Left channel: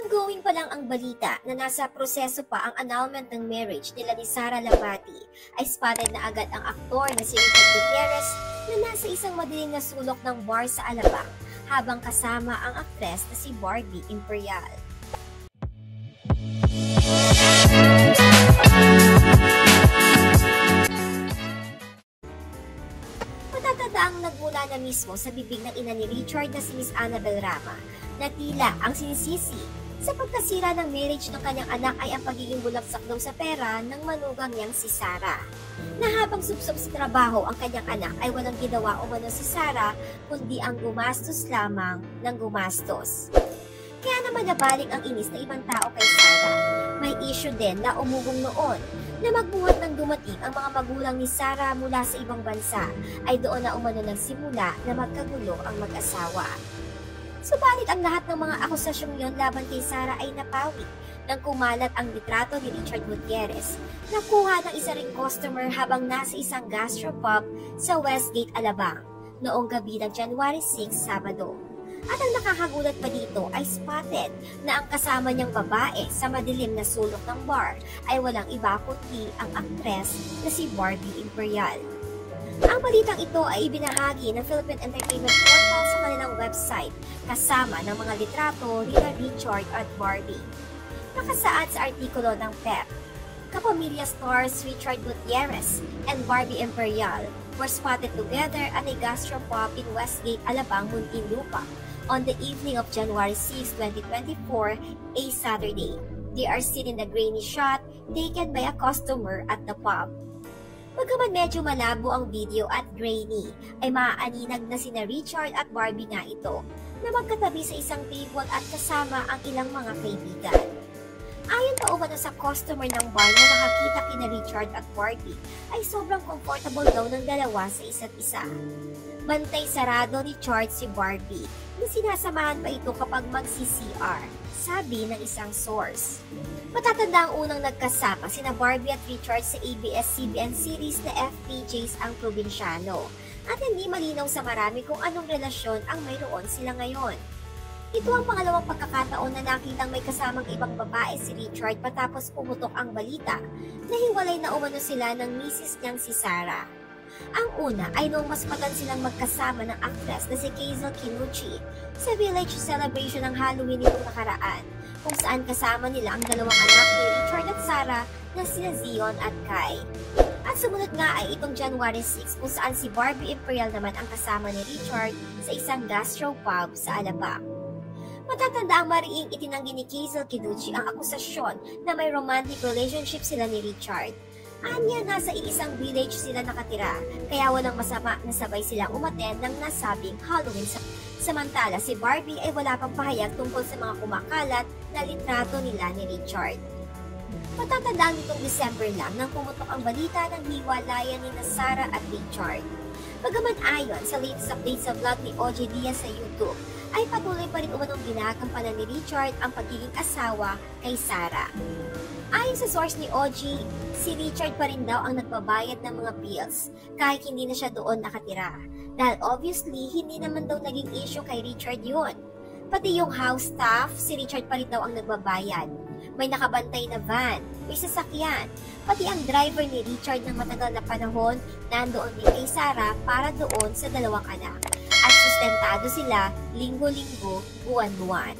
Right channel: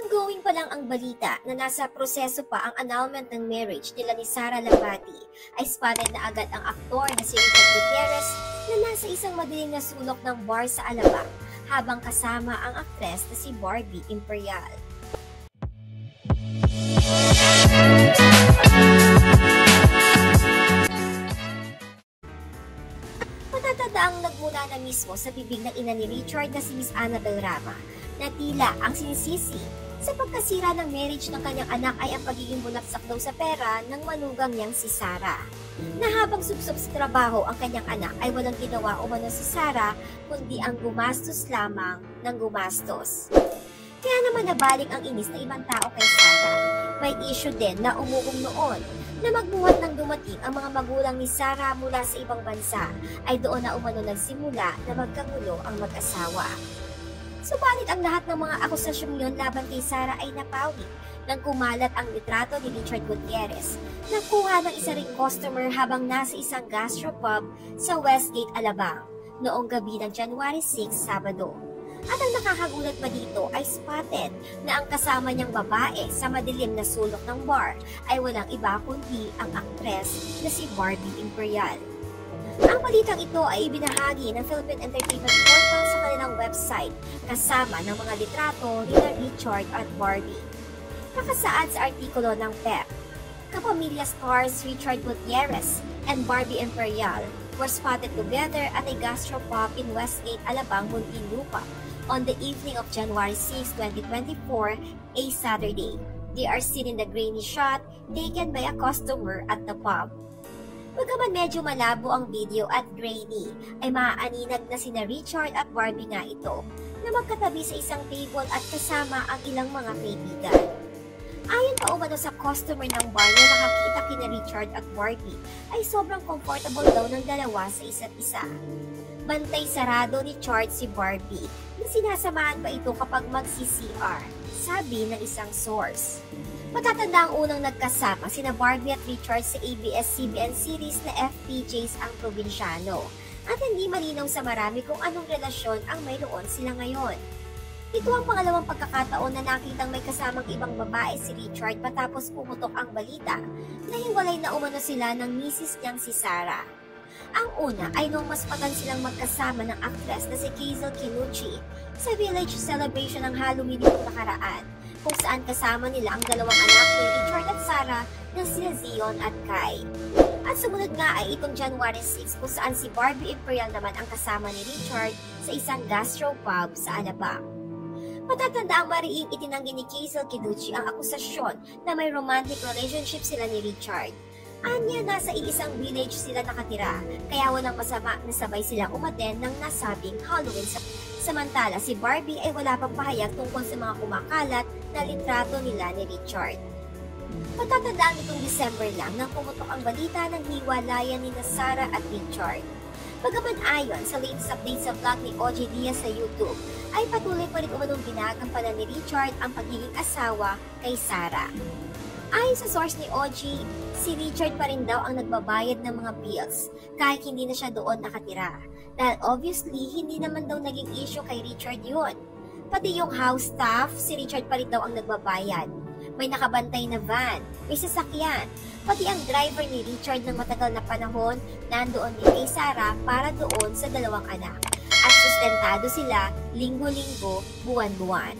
Ongoing pa lang ang balita na nasa proseso pa ang annulment ng marriage nila ni Sara Lahbati, ay spotted na agad ang aktor na si Richard Gutierrez na nasa isang madilim na sulok ng bar sa Alabang habang kasama ang aktres na si Barbie Imperial. Matatataang nagmula na mismo sa bibig ng ina ni Richard na si Miss Annabel Rama na tila ang sinisisi sa pagkasira ng marriage ng kanyang anak ay ang pagiging bulaksak daw sa pera ng manugang niyang si Sara. Na habang subsob sa trabaho ang kanyang anak ay walang ginawa umano si Sara kundi ang gumastos lamang ng gumastos. Kaya naman nabaling ang inis ng ibang tao kay Sara. May issue din na umuwi noon na magbuhat ng dumating ang mga magulang ni Sara mula sa ibang bansa ay doon na umano nagsimula na magkagulo ang mag-asawa. Subalit ang lahat ng mga akusasyong yon laban kay Sara ay napawi nang kumalat ang litrato ni Richard Gutierrez na kuha ng isa ring customer habang nasa isang gastropub sa Westgate, Alabang noong gabi ng January 6, Sabado. At ang nakakagulat pa dito ay spotted na ang kasama niyang babae sa madilim na sulok ng bar ay walang iba kundi ang aktres na si Barbie Imperial. Ang balitang ito ay ibinahagi ng Philippine Entertainment Portal sa kanilang website kasama ng mga litrato ni Richard at Barbie. Nakasaad sa artikulo ng PEP, kapamilya stars Richard Gutierrez and Barbie Imperial were spotted together at a gastropub in Westgate, Alabang, Muntinlupa on the evening of January 6, 2024, a Saturday. They are seen in the grainy shot taken by a customer at the pub. Pagkaman medyo malabo ang video at grainy, ay maaaninag na sina Richard at Barbie nga ito na magkatabi sa isang table at kasama ang ilang mga kaibigan. Ayon pa umano sa customer ng bar na nakakita kina Richard at Barbie, ay sobrang comfortable daw ng dalawa sa isa't isa. Bantay sarado ni Richard si Barbie na sinasamahan pa ito kapag mag-CCR, sabi ng isang source. Matatanda ang unang nagkasama sina Barbie at Richard sa ABS-CBN series na FPJs ang Probinsyano at hindi malinaw sa marami kung anong relasyon ang mayroon sila ngayon. Ito ang pangalawang pagkakataon na nakitang may kasamang ibang babae si Richard matapos pumutok ang balita na hiwalay na umano sila ng misis niyang si Sara. Ang una ay nung mas matan silang magkasama ng actress na si Hazel Kinuchi sa village celebration ng Halloween nitong nakaraan, kung saan kasama nila ang dalawang anak ni Richard at Sara na sina Zion at Kai. At sumunod nga ay itong January 6 kung saan si Barbie Imperial naman ang kasama ni Richard sa isang gastropub sa Alabang. Matatanda ang mariing itinanggi ni Hazel Kinuchi ang akusasyon na may romantic relationship sila ni Richard. Anya, nasa iisang village sila nakatira, kaya walang masama na sabay silang umaten ng nasabing Halloween. Samantala, si Barbie ay wala pang pahayag tungkol sa mga kumakalat na litrato nila ni Richard. Matatandaan nitong December lang nang pumutok ang balita ng hiwalayan ni Sara at Richard. Bagaman ayon sa latest update sa vlog ni OG Diaz sa YouTube, ay patuloy pa rin umanong ginagampanan ni Richard ang pagiging asawa kay Sara. Ayon sa source ni OG, si Richard pa rin daw ang nagbabayad ng mga bills kahit hindi na siya doon nakatira. Dahil obviously, hindi naman daw naging issue kay Richard yun. Pati yung house staff, si Richard pa rin daw ang nagbabayad. May nakabantay na van, may sasakyan, pati ang driver ni Richard ng matagal na panahon nandoon din kay Sara para doon sa dalawang anak. At sustentado sila linggo-linggo, buwan-buwan.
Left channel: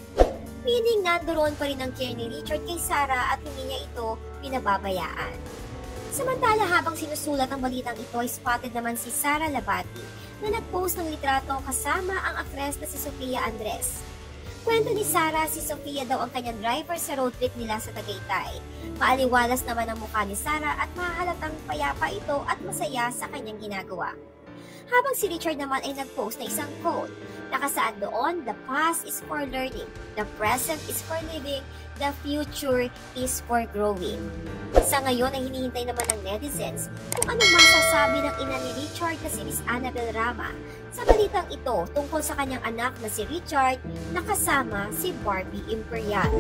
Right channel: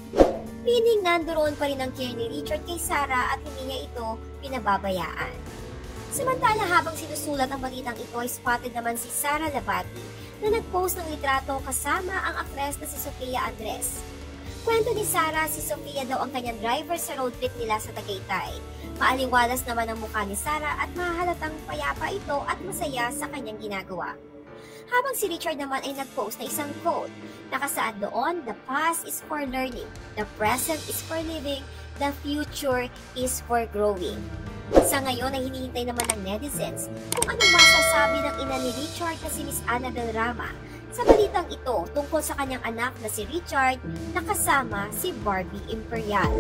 Meaning nandoon pa rin ang care ni Richard kay Sara at hindi niya ito pinababayaan. Samantala habang sinusulat ang balitang ito ay spotted naman si Sara Lahbati na nag-post ng litrato kasama ang aktres na si Sofia Andres. Kwento ni Sara, si Sofia daw ang kanyang driver sa road trip nila sa Tagaytay. Maaliwalas naman ang mukha ni Sara at mahalatang payapa ito at masaya sa kanyang ginagawa. Habang si Richard naman ay nag-post na isang quote. Nakasaad doon, the past is for learning, the present is for living, the future is for growing. Sa ngayon ay hinihintay naman ng netizens kung ano masasabi ng ina ni Richard na si Miss Annabel Rama sa balitang ito tungkol sa kanyang anak na si Richard na kasama si Barbie Imperial.